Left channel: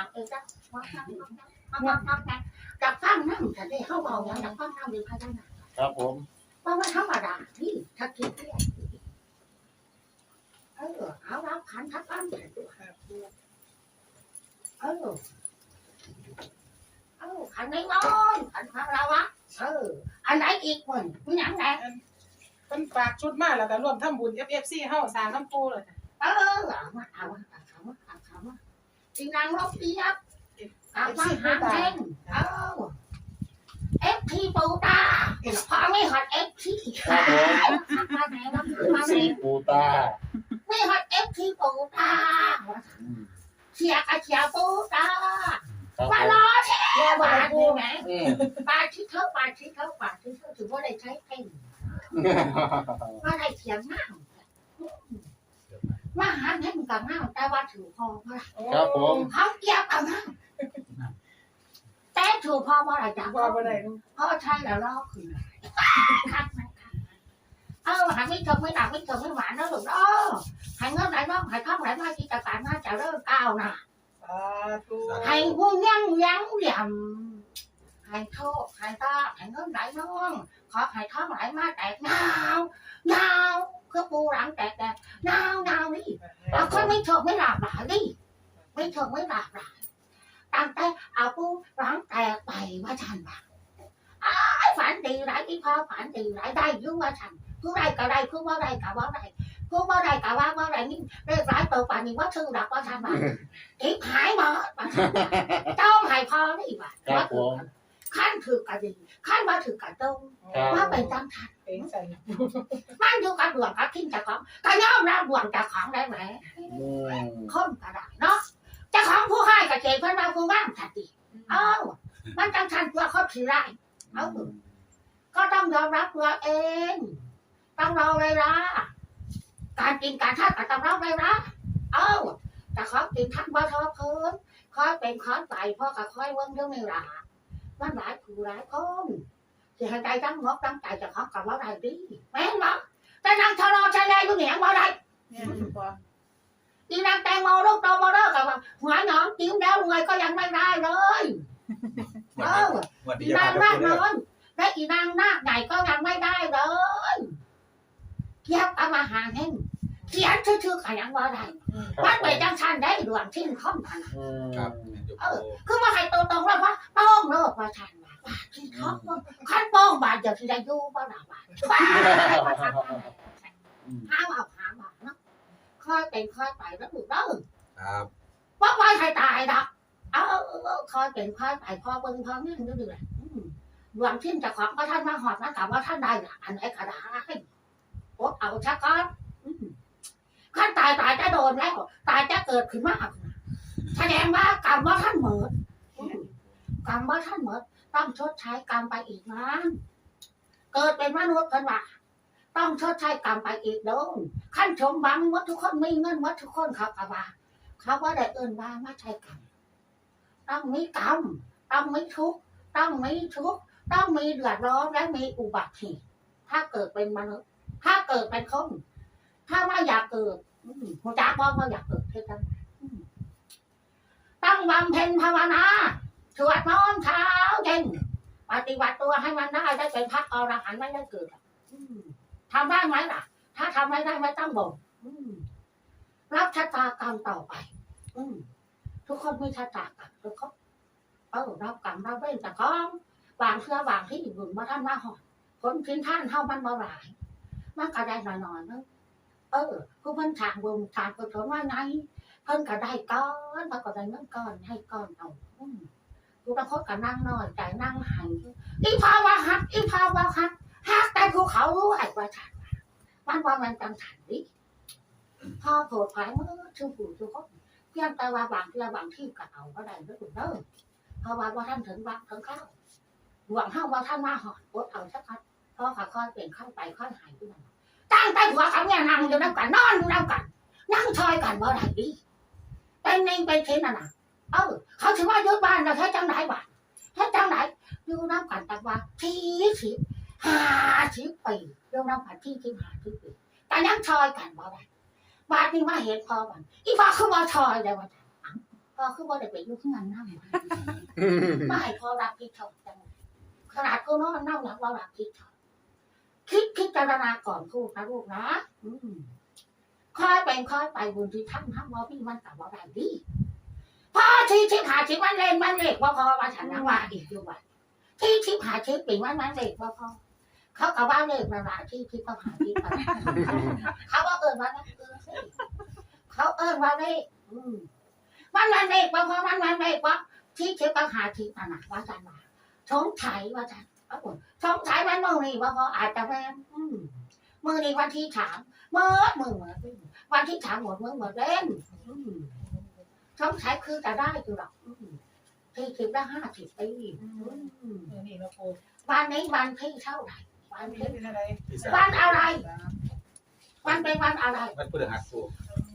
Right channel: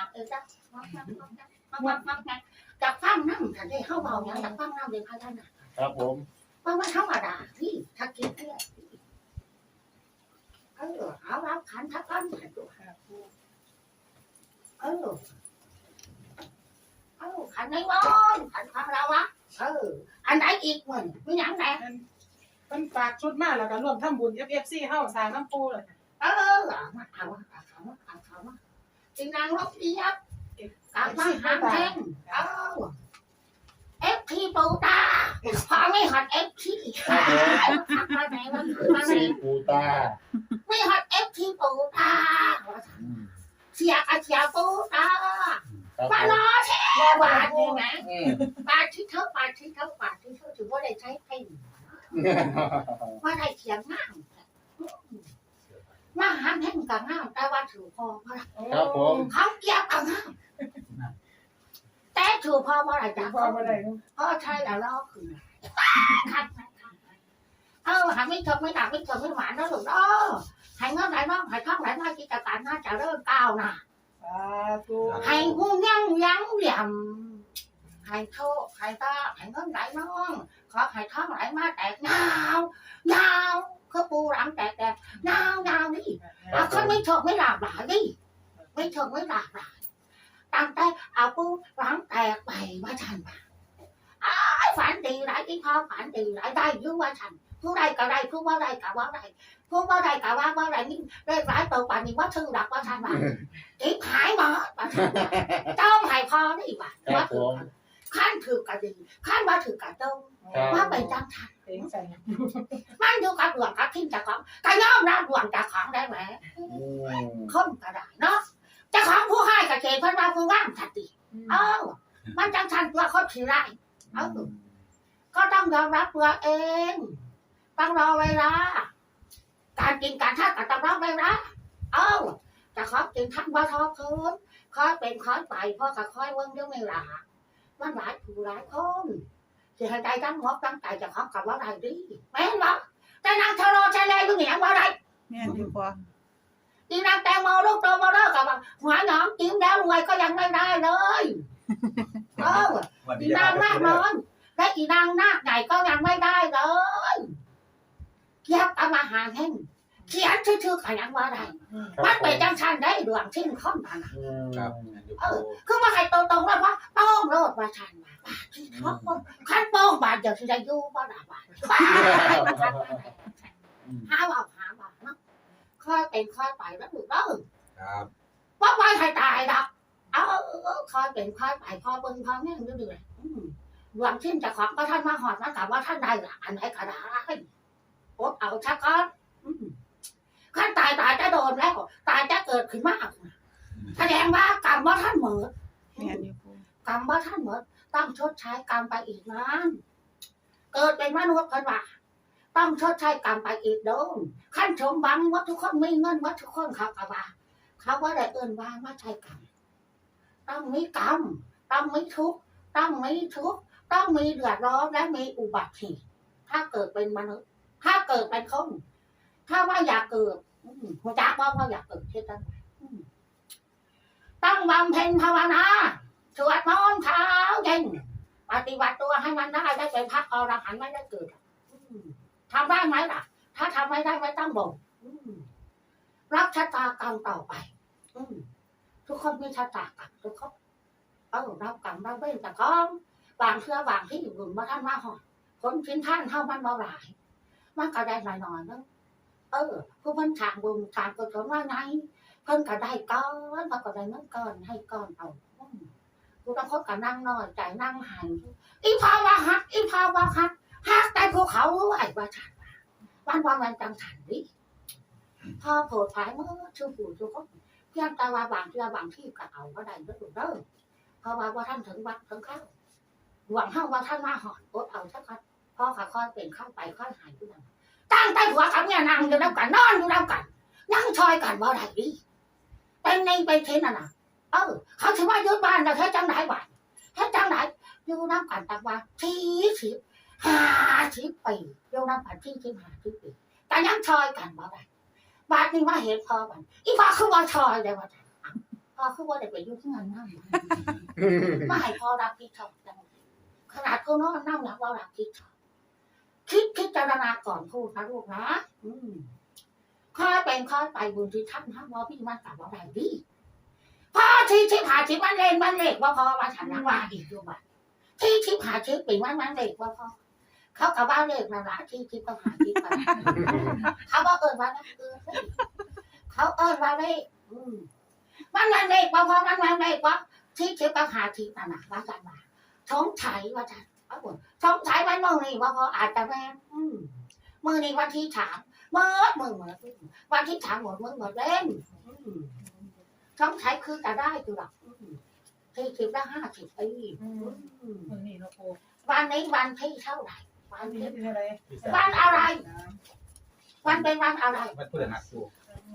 างเออจ้ะมาฟังมาฟังมาฟังนะจากฟังนั่งฉันได้เข้าเบาอย่างจากฟังนั่งเดี๋ยวพายได้นะครับผมว่ามันธรรมดาที่ถ้ากินเนี่ยเออเอารับขันทักกันแต่ตัวเออเออขันไหนวะขันพระเราวะเอออันไหนอีกมันมีหยังไงเป็นฝากชุดมาแล้วก็รวมทำบุญ FFC เฮาสร้างน้ำปูเลยเออเอามาเอามาเอามาเอามา สินางรบเปียบกลับมาหาแทงเอาเอฟทีปูตาพอไม่หอดเอฟทีครับผมมาไหนวะมาไหนสีปูตาไม่หอดเอฟทีปูตาอืมเสียกระเสียปูตาครับผมามรอแช่บาทนี่ไหมอืมบาทที่เท่าบาทที่เท่าบาทที่เท่าถือว่าได้ใช้เพ่งว่าได้เขียนง่าม มาหาเพ่งกับง่ามแต่ว่าถือพอเพราะครับผม เขาเกียบเอาง่ามแต่ถือพอเพราะอะไรจ้ะพอบ่ได้เนาะพ่อใช่แล้วรอบคือคัดไหมคัดไหมเออหายไม่เถอะไม่ดักไม่เถอะไม่หวานนะลูกเออหายเงินไหลน้องหายท่องไหลมากิจการน่าจะเริ่มก้าวหน้าสาธุหายหุ่นยังยังเหลี่ยม หายโชคหายตาหายเงินไหลน้องขอหายท่องไหลมาแตกยาวยาวคือปูหลังแตกแตกยาวยาวนี่เอาคนไม่โชคไม่หลากหลายดิไม่โชคไม่หลากหลายตั้งแต่เอาปูหลังแตกไปว่าทันปะฝันดีไรที่พ่อฝันดีไรได้อยุ่ว่าฉันผู้ใดก็ได้ผู้ว่าใดก็ว่าใดผู้ว่าใดก็ว่าว่าใดนี่ได้ร้ายตัวป่านนี้ว่าชื่อดักว่าฉันว่าทิพหายหมดว่าฉันว่าต้องให้พ่อนี่ว่าครับผม ขั้นถือกระดีขั้นว่าถือกระตรงครับว่าเป็นจังทันเองใส่มันอยู่กับดวงกับทิ้งจากของก็ยอมรับดวงจากของได้ไหมอืมคนก็ได้เนาะเจากของผู้ให้กับเจเพันว่าผู้ว่างสันติเอ้ามันจังทันตัวคนขี้ไรเอ้าก็ต้องยอมรับตัวเองต้องรอเวลาการกินการทานก็ต้องรอเวลาเอ้าแต่ขอกินทั้งบ่ทอคืนคอยเป็นคอยไปพ่อก็คอยเวิ้งเรื่องนี้ล่ะ มันหลายผู้หลายคนสิให้ใจตั้งงบตั้งใจจะขอกับว่าไรดีแม่นบ่แต่นางทะเลาะชะเลอยู่เหนียงว่าไรแม่นอยู่พออีนางแตงโมลูกโตมาเลิกกับว่าหัวหนองกินแล้วรวยก็ยังไม่ได้เลยเออวันอีนี้นางนาคน้อยและอีนางนาคใหญ่ก็ยังไม่ได้เลยเกี่ยวกับมาหาเฮง เขียนชื่อๆขยังว่าได้ครับมันเป็นจังชันได้ดวงชิ้นข้อมพันอืมครับแม่นอยู่เออคือมาให้ตรงๆเลยว่าโป้งโลดว่าชันว่าบาทที่ท้องขั้นโป้งบาทเดี๋ยวที่จะอยู่บ่ได้บาทบ้ามาทำอะไรหาเอาหาบาทเนาะค่อยเป็นค่อยไปแล้วถูกแล้วครับว่าไปให้ตายดอกเอาเอาเอาค่อยเป็นค่อยไปพอเบิ่งพอแม่งเรื่อยๆอืมหวังชิ้นจะของก็ท่านมาหอดมาถามว่าท่านได้ละอันไหนก็ได้โอ๊ตเอาชักก้อนอืม ขั้นตายตายจะโดนแล้วตายจะเกิดขึ้นมากแสดงว่ากรรมว่าท่านเหมิดแม่นอกรรมว่าท่านเหมิดต้องชดใช้กรรมไปอีกนานเกิดเป็นมนุษย์เพิ่นว่าต้องชดใช้กรรมไปอีกโดนขั้นชมบังว่าทุกคนไมีเงินว่าทุกคนเขากะว่าเขาว่าได้เอินว่าไม่ใช่กรรมต้องมีกรรมต้องมีทุกต้องมีทุกต้องมีเดือดร้อนและมีอุบัติเหตุถ้าเกิดเป็นมนุษย์ ถ้าเกิดเป็นคน ถ้าว่าอยากเกิดจักว่าว่าอยากเกิดเท่านั้นอืมต้องบำเพ็ญภาวนาสวดมนต์เช้าเย็นปฏิบัติตัวให้มันได้ได้เป็นพระอรหันต์ไม่ได้เกิดทำได้ไหมล่ะ ถ้าทำไม่ได้ไม่ต้องบ่นอืมรับชะตากรรมต่อไปทุกคนมีชะตากรรมทุกคนเออรับกรรมรับเวรแต่ก็บางเชื่อบางที่อยู่มาท่านมาหอดคนชิ้นท่านเท่ามันบ่หลาย มันก็ได้หน่อยๆนึง เออ ผู้เพิ่นทางบุญทางกุศลว่าไงเพิ่นก็ได้ก้อนมันก็ได้เงินก้อนให้ก้อนเอาอืมกูต้องคบกับนั่งน้อยใจนั่งหันอีพาวาฮักอีพาวาฮักฮักแต่ภูเขารู้ไอ้ว่าฉันว่าวันวันจังฉันดิพอโผล่ผายเมื่อชูผู้ชูเขาเพียงแต่ว่าบางเชื่บางที่ก็เอาก็ได้เด้อเด้อเพราะว่าว่าท่านถึงวัดถึงเข้าหวังห้าว่าท่านมาหอดอดเอาสักพักพ่อขาค่อยเป็นเข้าไปค่อยหายไปนั่น ตั้งแต่หัวเขาเนี่ยนั่งอยู่น้ำกันนอนอยู่น้ำกันนั่งชอยกันบ่ได้ดีเป็นในเป็นเช่นน่ะนะเออเขาถือว่ายึดบ้านเราแค่จังไหนบ้านแค่จังไหนอยู่น้ำกันตั้งว่าสี่สิบห้าสิบปีอยู่น้ำกันที่สิบห้าสิบปีแต่ยังชอยกันบ่ได้บาดนี้มาเห็นพอบันอีพ่อคือว่าชอยได้ว่าเออคือว่าได้ไปอยุ่งงานนั่งไม่ให้พอรับผิดชอบจังขนาดเขานอนนั่งหลับว่ารับผิดชอบ คิดคิดจารณาก่อนพูดนะลูกนะอืมค่อยเป็นค่อยไปบุญที่ท่านทำว่าพี่มันกลับว่าได้ดีพอที่ที่หาที่มันเล่นมันเล็กว่าพอว่าฉันยังว่าอีกอยู่ว่าที่ที่หาที่ปีมันมันเล็กว่าพอเขากับว่าเล็กนะละที่ที่เขาหาที่ไปเขาว่าเอิญว่านั่นเออเขาเอิญว่าเลขอืมมันมันเลขว่าพอมันมันเลขว่าที่เช็คปัญหาที่ต่างๆว่าจันว่าสงสัยว่าจันว่าบุญ สงสัยวันมึงนี่ว่าเขาอาจจะแม่มมือนี่วันที่สามเมื่อมึงเหมือนวันที่สามหมดมึงเหมือนเล่นสงสัยคือจะได้คือหรอกสี่สิบละห้าสิบปีวันนี้วันที่เท่าไหร่วันปีที่วันอะไร วันเป็นวันอะไรวันพฤหัสปู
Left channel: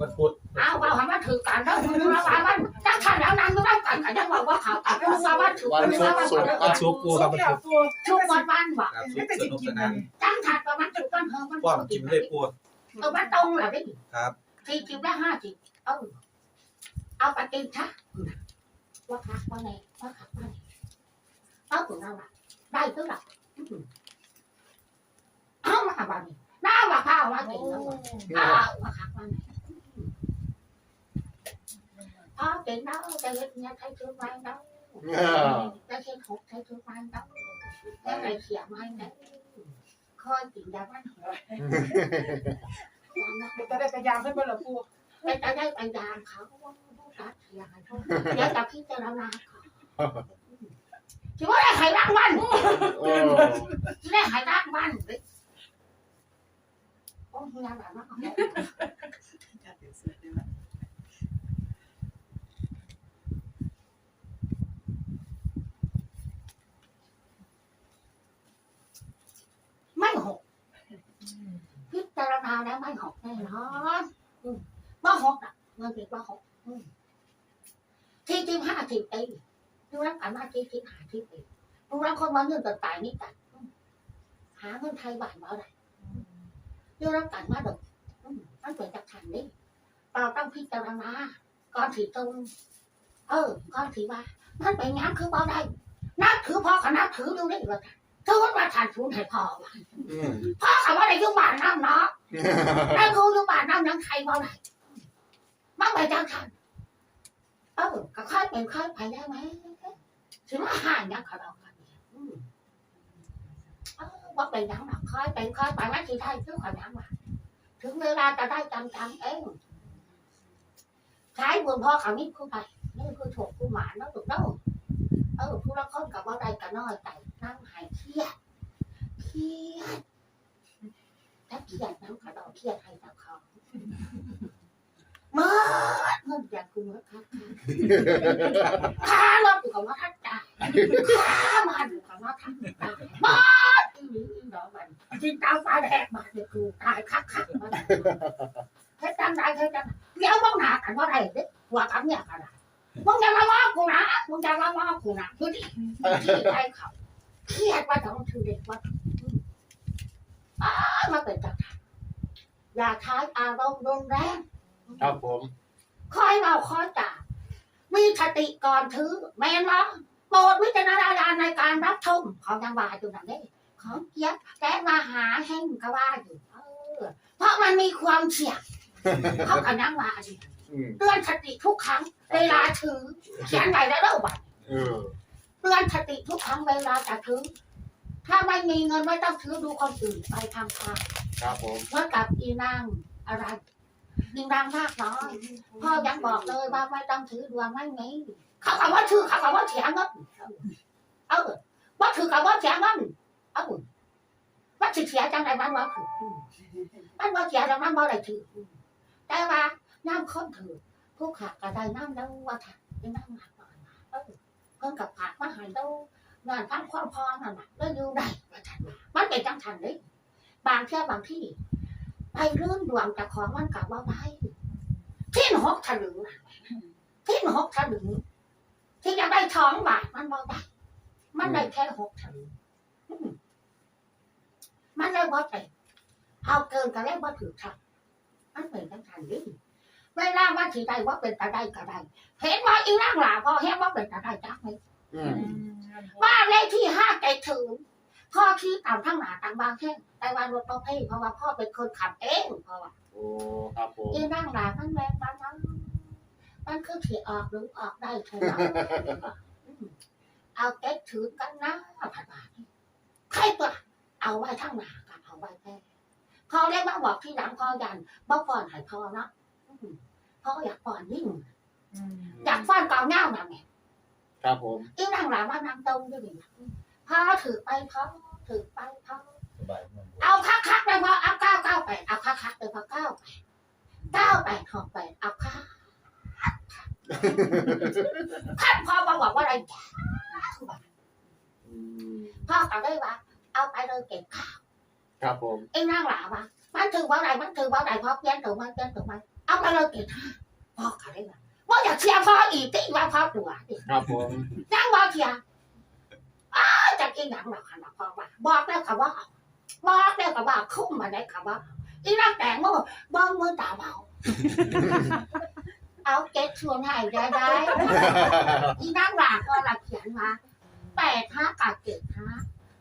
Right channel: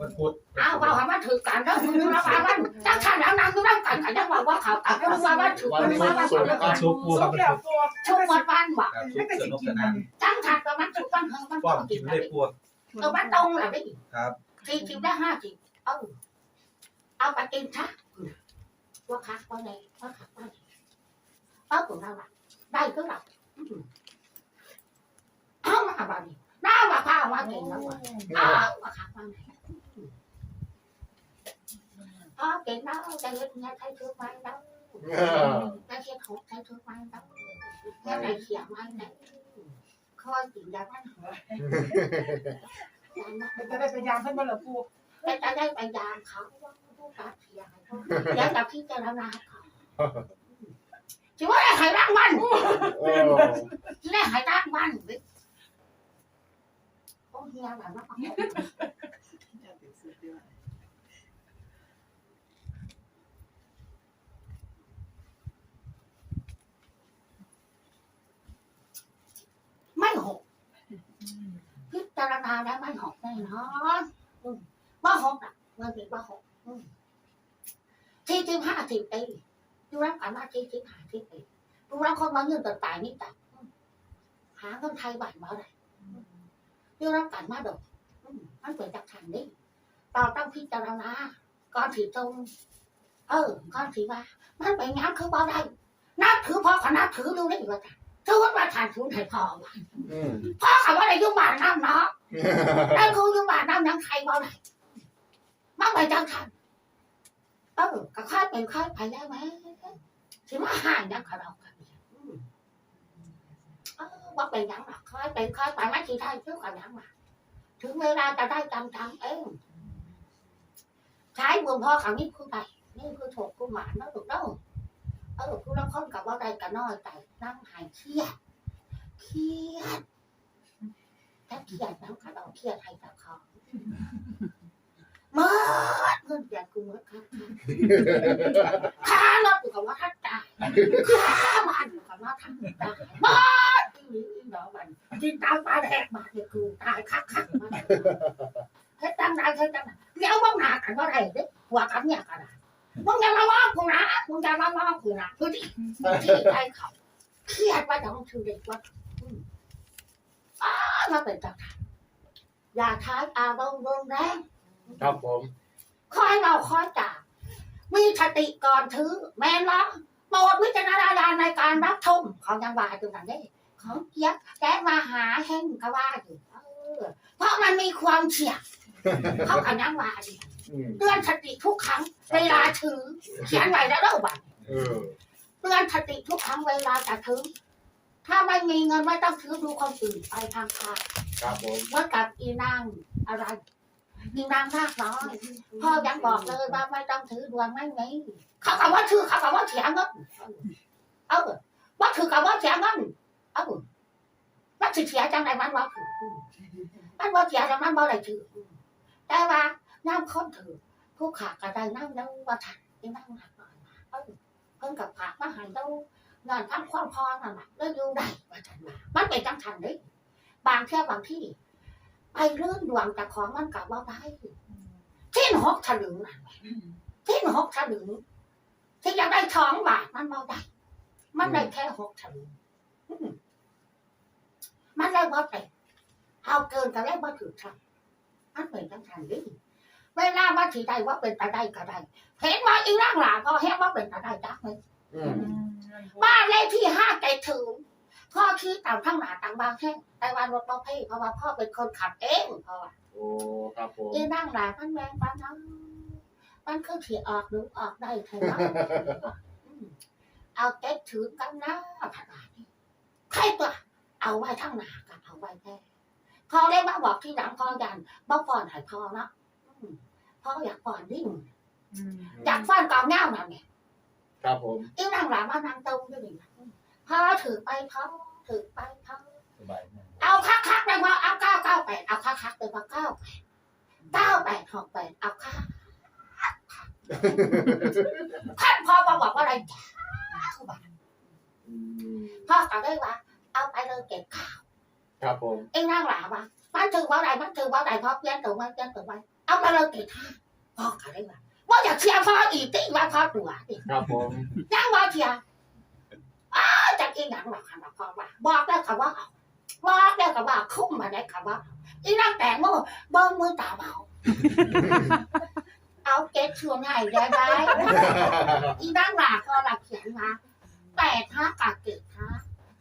วันพุธอ้าวว่าว่ามันถือกันแล้วมึงรู้ว่ามันจังท่านแล้วนั่งก็นั่งกันกันยังว่าว่าเขากันก็รู้ว่ามันถือกันว่ามันถือวันกันศุกร์ปูครับวันแล้วศุกร์ปูทุกวันวันว่ะครับศุกร์สนุกสนานจังท่านก็มันถือกันเฮอมันป้อมกิกินนได้ได้ปูเออมันตรงแหละดิครับสี่สิบได้ห้าสิบเออเอาไปกินซะว่าคักว่าไงว่าคักว่าไงเออของเราอะได้ก็หลับเอามาบ้านี่ น้าว่าข้าวว่ากินแล้วว่ะอ้าวว่าคักว่าไงพอกินแล้วจะเห็นเนี่ยใช้ชุดไม้แล้ว đã khen hụt thấy thương mai đâu cái này xỉa mai này khôi chuyện đã bán hộ จะได้พยายามให้บ่ล่ะปู cái ta đây bạn già khảo quá bố cả xỉa hay thôi để gặp khi cho nó ra chỉ có là thầy răng banh โอ้ chỉ là thầy răng banh ôi nghe là nó không ไไม่หกพิจารณาแล้วไม่หกแน่นอนว่าหกอะเงินติดว่าหกอืมที่จริงห้าสิบปีดูรักกันมาที่จริงห้าสิบปีดูรักคนมาเงินตัดตายนี่ตัดหาเงินไทยบาทมาได้ ดูรักกันมาดอกอืมมันเป็นจากทางนี้เราต้องพิจารณาก่อนถีตรงเออก่อนถีว่า มันเป็นงานคือบ่ได้นับถือพ่อกับนับถือดูได้ว่าถือว่าทานทุนให้พ่อว่าอืมพ่อเขาว่าได้อยุ่บ้านน้ำเนาะนั่นคือยุ่บ้านน้ำยังใครบ่ได้มันไปจังทันเออก็ค่อยเป็นค่อยไปได้ไหมสิมาห่างยังเขาเรากันเนี่ยอืมเออ ว่าเป็นยังหรอกค่อยเป็นค่อยไปไม่ทีได้เพื่อกันยังมาถึงเวลาจะได้จำจำเองใช้บุญพ่อเขานี่คือไปนี่คือถูกคือหมาเนาะถูกเนาะเออผู้ละคนกับว่าใดกันน้อยใจนั่งหายเครียดเครียดถ้าเครียดน้ำกระดองเครียดให้ตะเขาเมื่อเงินอยากกูเมื่อครับข้าเราอยู่กับว่าท่านตายข้ามาอยู่กับว่าท่านตายมาที่ นี้ดอกมันจินตามตาแดกมาเนี่ยกูตายคักคักมาเฮ็ดจังได้เฮ็ดจังได้เดี๋ยวมึงหนากันว่าไรเด็กหัวกันเนี่ยกันได้มึงอย่ามาว่ากูนะมึงอย่ามาว่ากูนะคือที่ที่ใจเขาเครียดว่าต้องถือเด็กว่ามาเป็นจักรอย่าใช้อารมณ์รุนแรงครับผมคอยเราคอยจ่ามีสติก่อนถือแม่นว่าโปรดวิจารณญาณในการรับชมเขายังว่าอยู่นั่นเด้ ของเกียกแต่มาหาแห่งก็ว่าอยู่เออเพราะมันมีความเสี่ยงเขาก็ยังว่าอยู่อืมเตือนสติทุกครั้ง เวลาถือเขียนไว้แล้วเด้อบัดเออเตือนสติทุกครั้งเวลาจะถือถ้าไม่มีเงินไม่ต้องถือดูคนอื่นไปทางทางครับผมเมื่อกับอีนางอะไรอีนางมากน้อยพ่อยังบอกเลยว่าไม่ต้องถือดวงไม่มีเขาคำว่าถือเขาคำว่าเสียเงินเออว่าถือคำว่าเสียเงิน เออว่าถือเสียจังไรมันว่าถือมันว่าเสียจังนั้นว่าอะไรถือแต่ว่าน้ำค้นถือผู้ขาก็ได้น้ำแล้วว่าถัดอีนางหนักหน่อยมาเออเพิ่นกับผักมาหายตู้งานพันความพอนั่นแหละแล้วอยู่ได้ว่าถัดมามันเป็นจังทันเลยบางเที่ยวบางที่ไปเรื่องดวงจากของมันกลับว่าได้ที่หกถลึงน่ะที่หกถลึงที่จะได้สองบาทมันบ่ได้ มันได้แค่หกถลึงอื มมันได้บ่เต็มเอาเกินก็ได้บ่ถือทันมันเป็นจังทันดิเวลามาถือได้ว่าเป็นตาได้ก็ได้เห็นว่าอีร่างหลาพอเห็นว่าเป็นตาได้จักไหมอือืมมบ้านเลขที่ห้าไก่ถึงพ่อขี่ตามทั้งหนาต่างบางแค่แต่ว่ารถต้องเพ่เพราะว่าพ่อเป็นคนขับเองเพราะว่าโอ้ครับผมอีร่างหลามันแรงปานนั้นมันคือขี่ออกหรือออกได้เท่านั้นอืมเอาเก็ตถือกันนะผัดบาทนี่ใครตัว เอาไว้ทั้งหนากับเอาไว้แค่พอได้มาบอกที่หลังพอยันบ่ก่อนให้พอเนาะอืมพ่ออยากก่อนนิ่งอืมอยากฟันกองเงาน่ะเนี่ยครับผมอีนางหลานมานางตรงด้วยดิพอถือไปพอถือไปพอสบายมากเอาคักคักๆเลยพอเอาเก้าเก้าไปเอาคักคักๆเลยพอเก้าไปเก้าไปหกไปเอาคักท่านพ่อมาบอกว่าอะไรจ้าอืมพ่อก็ได้ว่า เอาไปเลยเก็บข้าวครับผมอีนางหลานว่ามันถือว่าอะไรมันถือว่าอะไรพ่อเพี้ยนถือมันเพี้ยนถือมันเอาไปเลยเก็บข้าวพ่อก็ได้ว่าว่าอยากเชียร์พ่ออีกที่ว่าพ่อตัวดิครับผมยังบ่เชียร์อ้าวจากอีหยังหรอกค่ะพ่อว่าบอกแล้วค่ะว่าเอาบอกแล้วค่ะว่าคุ้มมาได้ค่ะว่าอีนั่งแต่งมือเบิ้งมือตาเบาเอาเก็ตชวนให้ได้ได้อีนั่งหลาก็หลักเขียนมาแปดห้ากาเก็ดห้า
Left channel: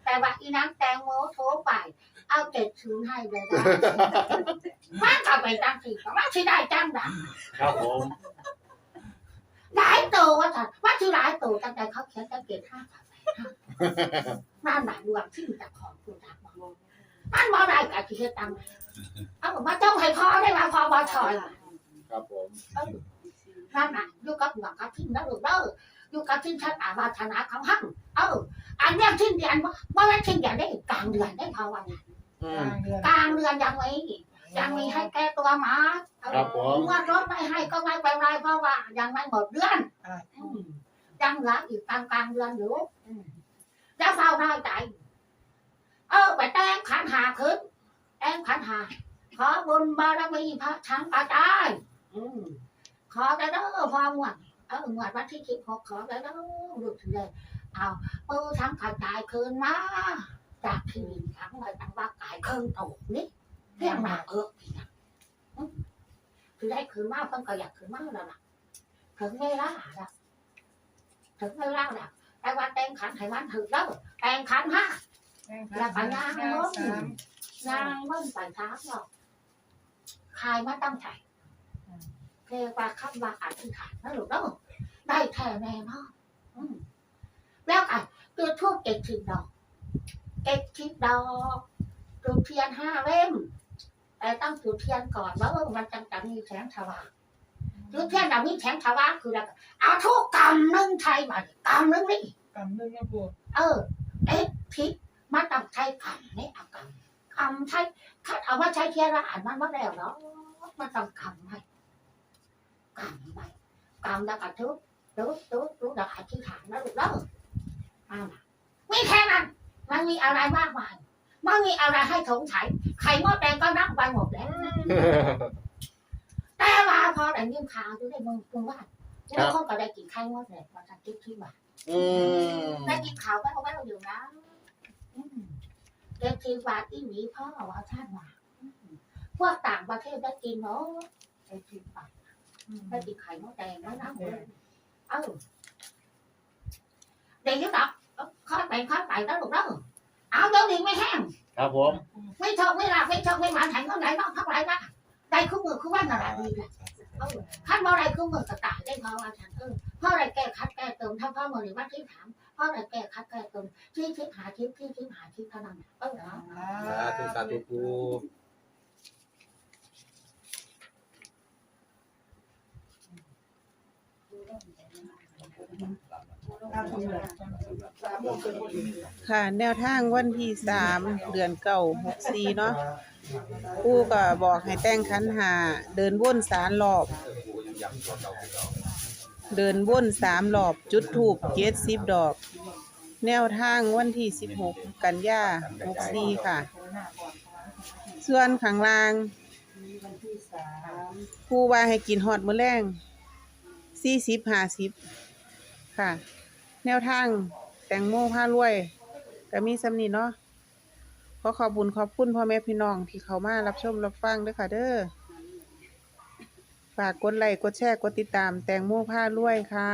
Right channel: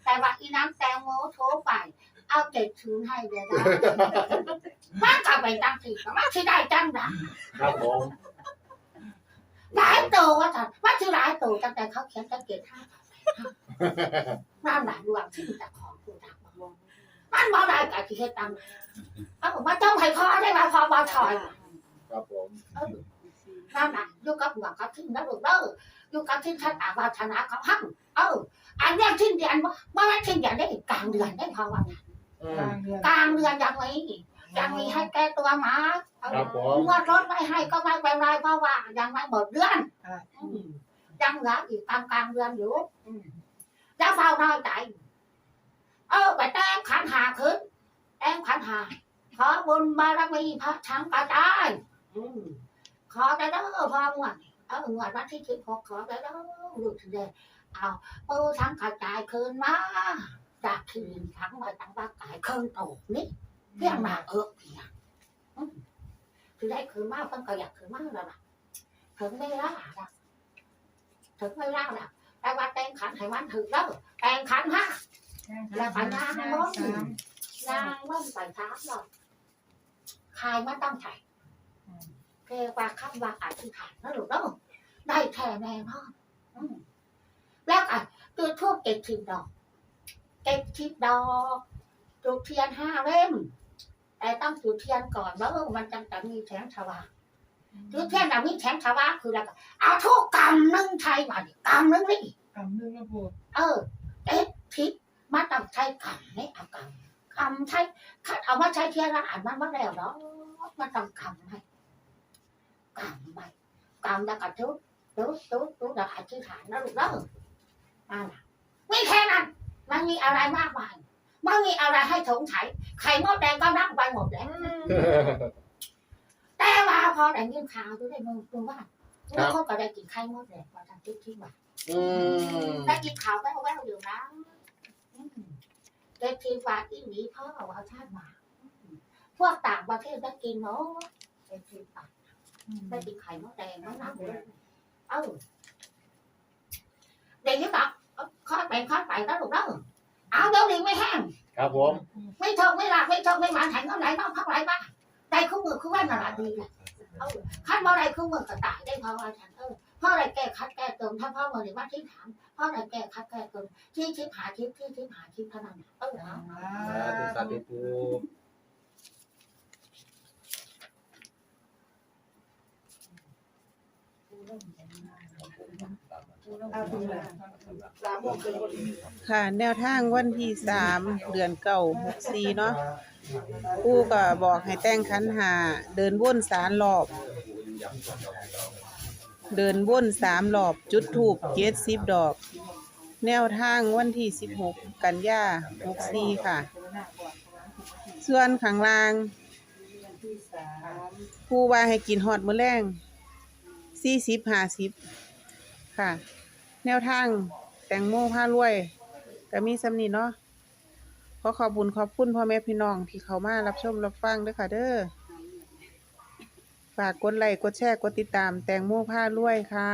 แต่ว่าอีนั่งแตงโมโทรไป เอาเก็ตชูนให้ได้ได้มันกลับไปตั้งสี่มันสิได้จังดังครับผมหลายตัวว่าจันว่าที่หลายตัวตั้งแต่เขาเขียนตั้งเกตห้ากับแปดห้านั่นหมายรวมที่แต่ของตัวดักบอกมันมาได้กับที่เฮ็ดตังเอามาจ้องให้พอได้มาพอบอถอยครับผม เออนั่นน่ะอยู่กับหวังกับทิ้งนะลูกเด้อ อยู่กับทิ้งชะตาวาสนาของหังเอออันเรื่องทิ้งเดือนว่าว่ามันทิ้งเดือนได้กลางเดือนได้พอวันนี้อืกมลางเดือนกลางเดือนยังไม่ยังมีให้แก้ตัวมาเอครัอบผมงวดรถไม่ให้ก็ไม่เป็นไรเพราะว่า ยังไม่หมดเดือนอ่าอืมยังเหลืออีกกลางกลางเดือนอยู่อืมแล้วเฝ้าน้อยใจ เออไปแต่งขันหาขึ้นแต่งขันหา ขอบุญบารมีพระชังกระจายอืมขอได้เด้อพอหมวด เออหมวดวันที่สิบหกขอได้เด้อลูกถึงเลยเอาปูชังกระจายคืนมาจากที่ดินทั้งไปตั้งว่ากายเครื่องโตนี่เพียงหนาเออพี่นะอืมคือได้คืนมาเพิ่นก็อยากคืนมาแล้วล่ะถึงเวลาแล้วถึงเวลาแล้วแต่ว่าแต่งขันให้มันถึงแล้วแต่งขันฮะแล้วก็ย่างม้อนนางมันไปท้ามหรอกคายมาตั้งใจ เทว่าคำว่าอธิษฐานนะลูกเนาะได้แท้แน่นอนอืมแล้วอะจุดทูบเก็บสิบดอกเก็บสิบดอกจุดเทียนห้าเล่มแต่ต้องจุดเทียนก่อนว่าเออมันจังจะมีแสงสว่างจุดเทียนจะมีแสงสว่างคืออะไรเอาทุกกำหนึ่งไทยมาดิกำหนึ่งนี่กำหนึ่งนะปูเออเอ๊ะทิศมันต้องใช้กำไม่เอากำกำใช้คัดเอามาใช้เทียนละอ่านมันมาแล้วเนาะมันต้องกำไห มกำไหมกำแล้วก็ทุบทุบทุบทุบแล้วอธิษฐานนะลูกเด้อนั่นน่ะไม่แค่นั้น มันมีอะไรมากมายมันมีอะไรให้สงสัยไข่มดแดงก็นับไปหมดแล้วแต่ว่าพอได้ยินข่าวดูได้มึงมึงว่าบางคนก็ได้กินไข่มดแดงมาทำจุดที่บ้านอืมได้กินข่าวแว่วๆอยู่นะอืมเด็กทีวาที่หวีพ่อว่าท่านมาอืมพวกต่างประเทศได้กินเนาะเด็กทีวา ได้กินไข่มดแดงแล้วนะเออเด็กที่บอกข้อไปข้อไปแล้วลูกเด้อเอาเดี๋ยวนี้ไม่แห้งครับผม ไม่ทกไม่หลับไม่ทกไม่หมันแข็งเอาไหนบ้างพักไหนบ้างได้คู่มือคู่วันอะไรดีแหละเออขั้นว่าอะไรคู่มือก็ตายได้เพราะว่าฉันเออพ่ออะไรแก้คัดแก้เติมถ้าพ่อมือหรือว่าที่ถามพ่ออะไรแก้คัดแก้เติมที่ทิพหาทิพที่ทิพหาทิพเท่านั้นเออเอาสาธุสาธุ ค่ะ แนวทางวันที่สามเดือนเก้าหกสี่เนาะปู่ก็บอกให้แต่งขันหา เดินวนสามรอบ เดินวนสามรอบ จุดถูกเจ็ดสิบดอก แนวทางวันที่สิบหกกันยาหกสี่ค่ะ ส่วนข้างลางผู้ว่าให้กินฮอดมือแรง สี่สิบห้าสิบค่ะ แนวทางแตงโมผ้ารวยก็มีสำนีเนาะขอขอบุญขอบคุณพ่อแม่พี่น้องที่เขามารับชมรับฟังด้วยค่ะเด้อฝากกดไลค์กดแชร์กดติดตามแตงโมผ้ารวยค่ะ